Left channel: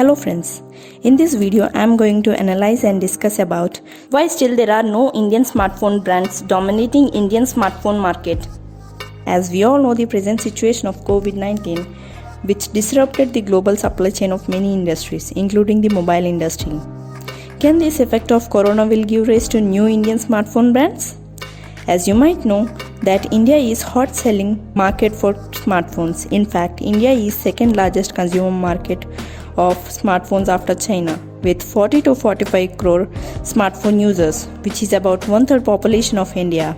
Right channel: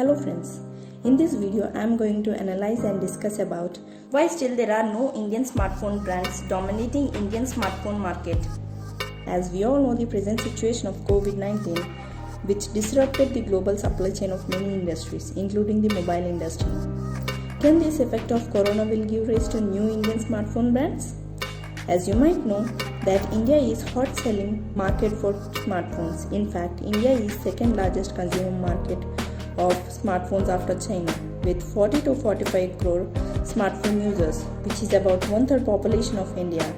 Hello friends, in this video I am going to analyze and discuss about why still there are no Indian smartphone brands dominating Indian smartphone market. As we all know the present situation of COVID-19 which disrupted the global supply chain of many industries including the mobile industry. Can this effect of corona will give rise to new Indian smartphone brands? As you might know that India is hot selling market for smartphones. In fact, India is second largest consumer market of smartphones after China with 40 to 45 crore smartphone users, which is about 1/3 population of India.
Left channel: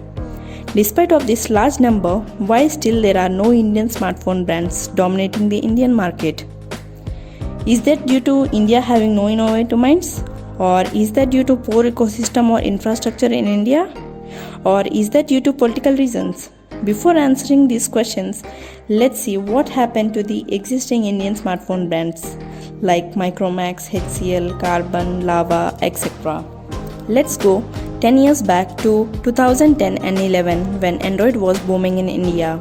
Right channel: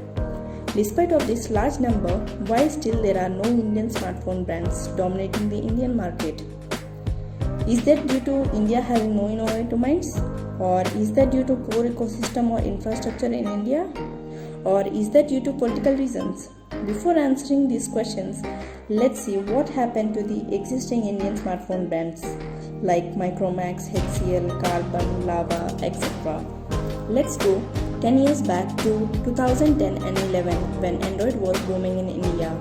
Despite of this large number, why still there are no Indian smartphone brands dominating the Indian market? Is that due to India having no innovative minds? Or is that due to poor ecosystem or infrastructure in India? Or is that due to political reasons? Before answering these questions, let's see what happened to the existing Indian smartphone brands like Micromax, HCL, Karbonn, Lava, etc. Let's go 10 years back to 2010 and 11 when Android was booming in India.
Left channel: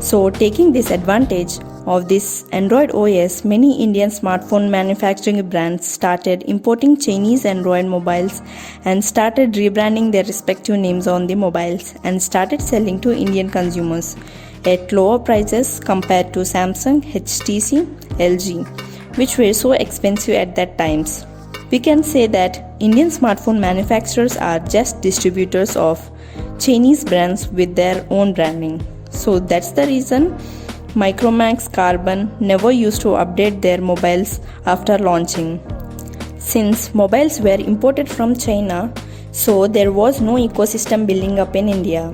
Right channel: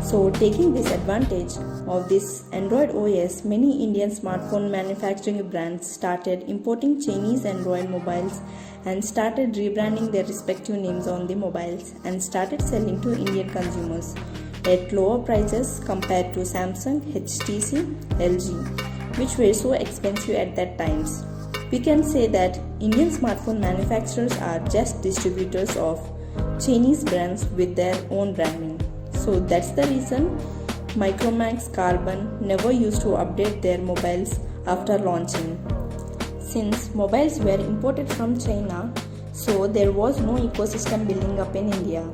So taking this advantage of this Android OS, many Indian smartphone manufacturing brands started importing Chinese Android mobiles and started rebranding their respective names on the mobiles and started selling to Indian consumers at lower prices compared to Samsung, HTC, LG, which were so expensive at that times. We can say that Indian smartphone manufacturers are just distributors of Chinese brands with their own branding. So that's the reason Micromax, Karbonn never used to update their mobiles after launching. Since mobiles were imported from China, so there was no ecosystem building up in India.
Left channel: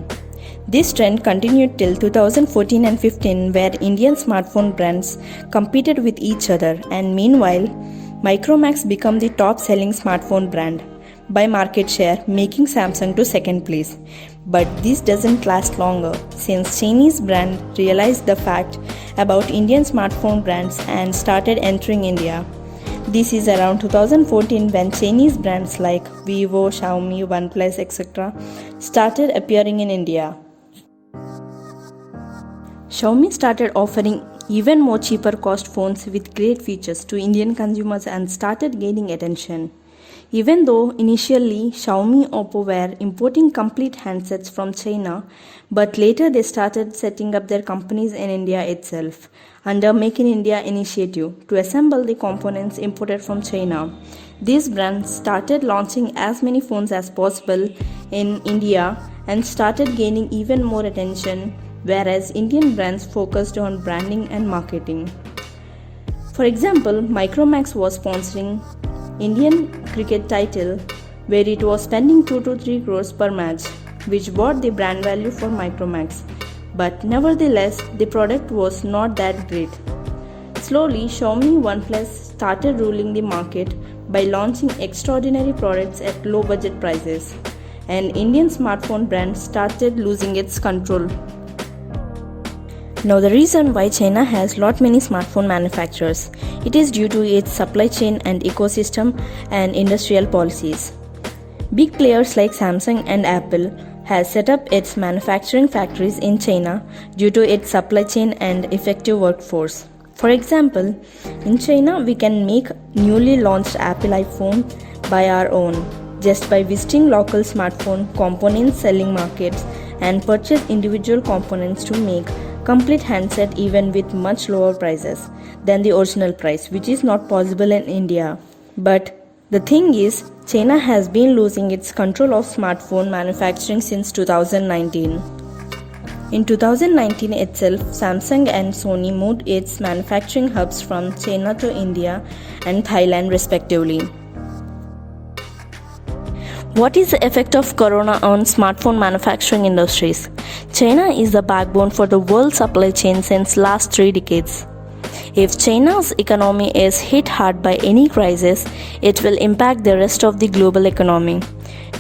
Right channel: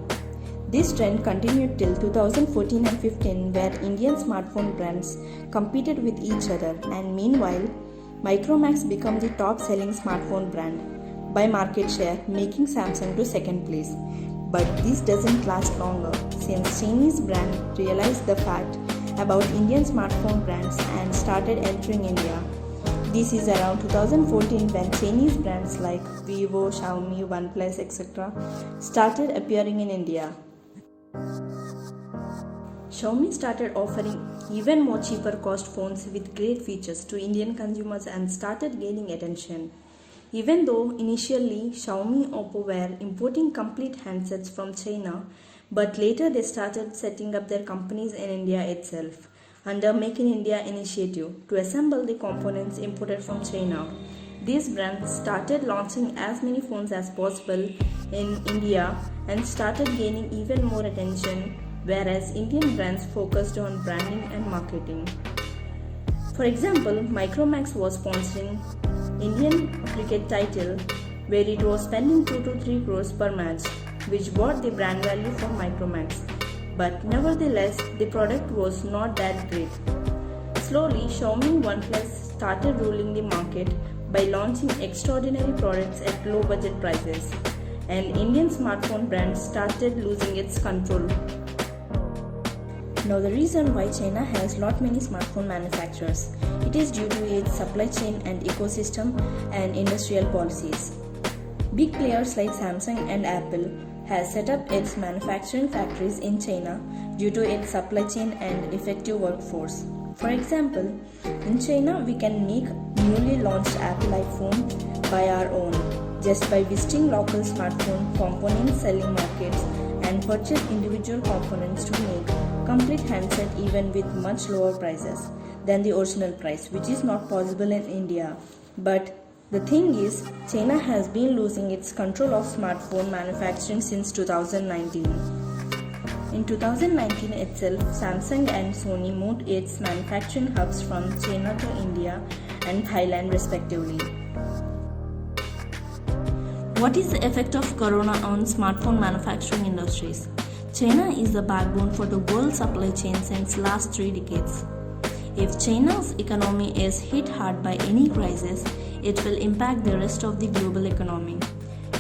This trend continued till 2014 and 15 where Indian smartphone brands competed with each other, and meanwhile Micromax became the top selling smartphone brand by market share, making Samsung to second place. But this doesn't last longer since Chinese brand realized the fact about Indian smartphone brands and started entering India. This is around 2014 when Chinese brands like Vivo, Xiaomi, Oneplus, etc. started appearing in India. Xiaomi started offering even more cheaper cost phones with great features to Indian consumers and started gaining attention. Even though initially Xiaomi Oppo were importing complete handsets from China, but later they started setting up their companies in India itself under Make in India initiative to assemble the components imported from China. These brands started launching as many phones as possible in India and started gaining even more attention, whereas Indian brands focused on branding and marketing. For example, Micromax was sponsoring Indian cricket title where it was spending 2 to 3 crores per match, which brought the brand value for Micromax. But nevertheless, the product was not that great. Slowly, Xiaomi OnePlus started ruling the market by launching extraordinary products at low budget prices, and Indian smartphone brands started losing its control. Now the reason why China has lot many smartphone manufacturers, it is due to its supply chain and ecosystem and industrial policies. Big players like Samsung and Apple has set up its manufacturing factories in China due to its supply chain and effective workforce. For example, in China we can make newly launched Apple iPhone by our own just by visiting local smartphone component selling markets and purchase individual components to make complete handset even with much lower prices than the original price, which is not possible in India. But the thing is, China has been losing its control of smartphone manufacturing since 2019. In 2019 itself, Samsung and Sony moved its manufacturing hubs from China to India and Thailand respectively. What is the effect of corona on smartphone manufacturing industries? China is the backbone for the world supply chain since last 3 decades. If China's economy is hit hard by any crisis, it will impact the rest of the global economy.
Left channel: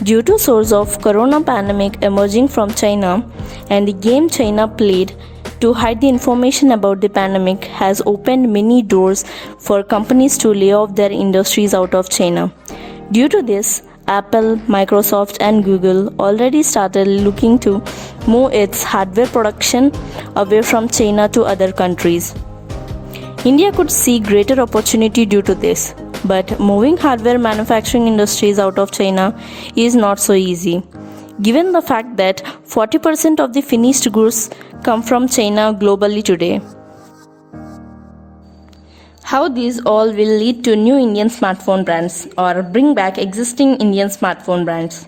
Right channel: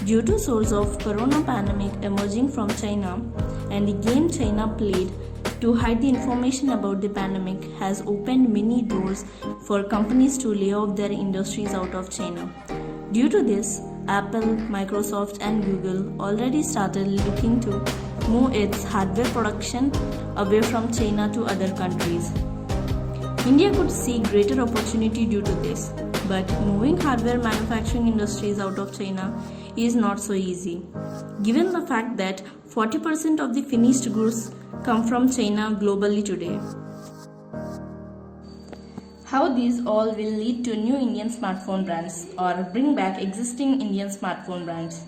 Due to source of corona pandemic emerging from China and the game China played to hide the information about the pandemic has opened many doors for companies to lay off their industries out of China. Due to this, Apple, Microsoft and Google already started looking to move its hardware production away from China to other countries. India could see greater opportunity due to this, but moving hardware manufacturing industries out of China is not so easy, given the fact that 40% of the finished goods come from China globally today. How these all will lead to new Indian smartphone brands or bring back existing Indian smartphone brands.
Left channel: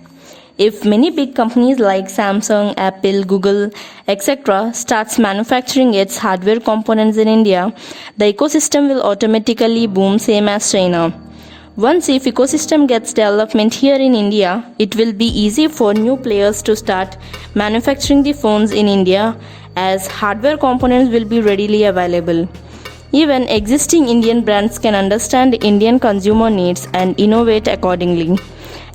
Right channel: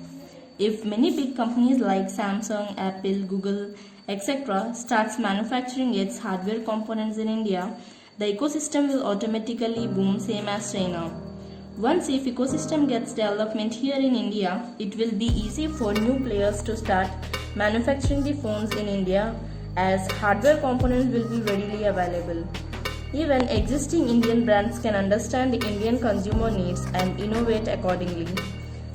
If many big companies like Samsung, Apple, Google, etc. starts manufacturing its hardware components in India, the ecosystem will automatically boom same as China. Once if ecosystem gets development here in India, it will be easy for new players to start manufacturing the phones in India as hardware components will be readily available. Even existing Indian brands can understand Indian consumer needs and innovate accordingly,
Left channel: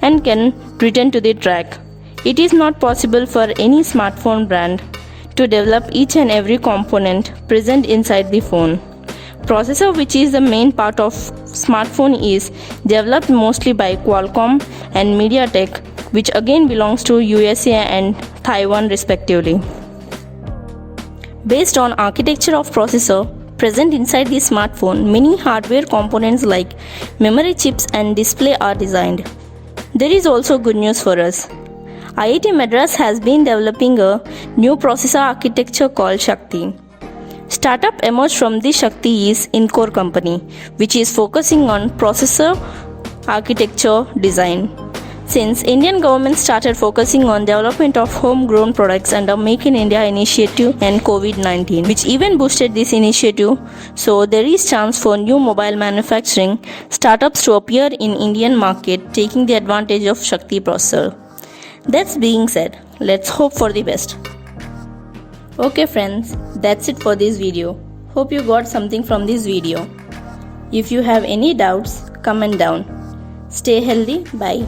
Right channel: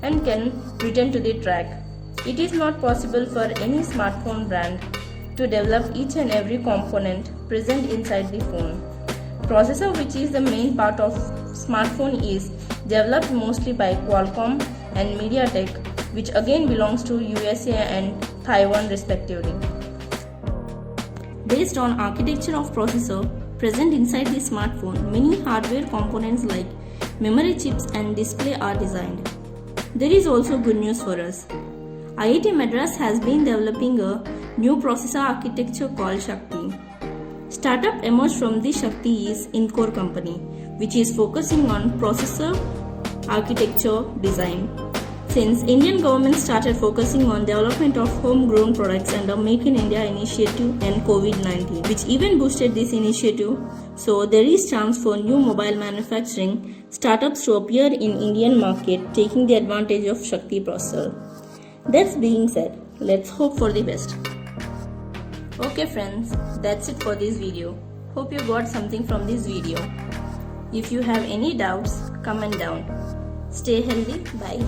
and can return to the track. It is not possible for any smartphone brand to develop each and every component present inside the phone. Processor, which is the main part of smartphone, is developed mostly by Qualcomm and MediaTek, which again belongs to USA and Taiwan respectively. Based on architecture of processor present inside the smartphone, many hardware components like memory chips and display are designed. There is also good news for us. IIT Madras has been developing a new processor architecture called Shakti. Startup emerged from this Shakti is Incore company, which is focusing on processor architecture design. Since Indian government started focusing on development of homegrown products under Make in India initiative and COVID-19, which even boosted this initiative, so there is chance for new mobile manufacturing startups to appear in Indian market taking the advantage of Shakti Processor. That being said, let's hope for the best. Okay friends, that's it for this video. Hope you got something from this video. If you have any doubts, comment down. Stay healthy. Bye.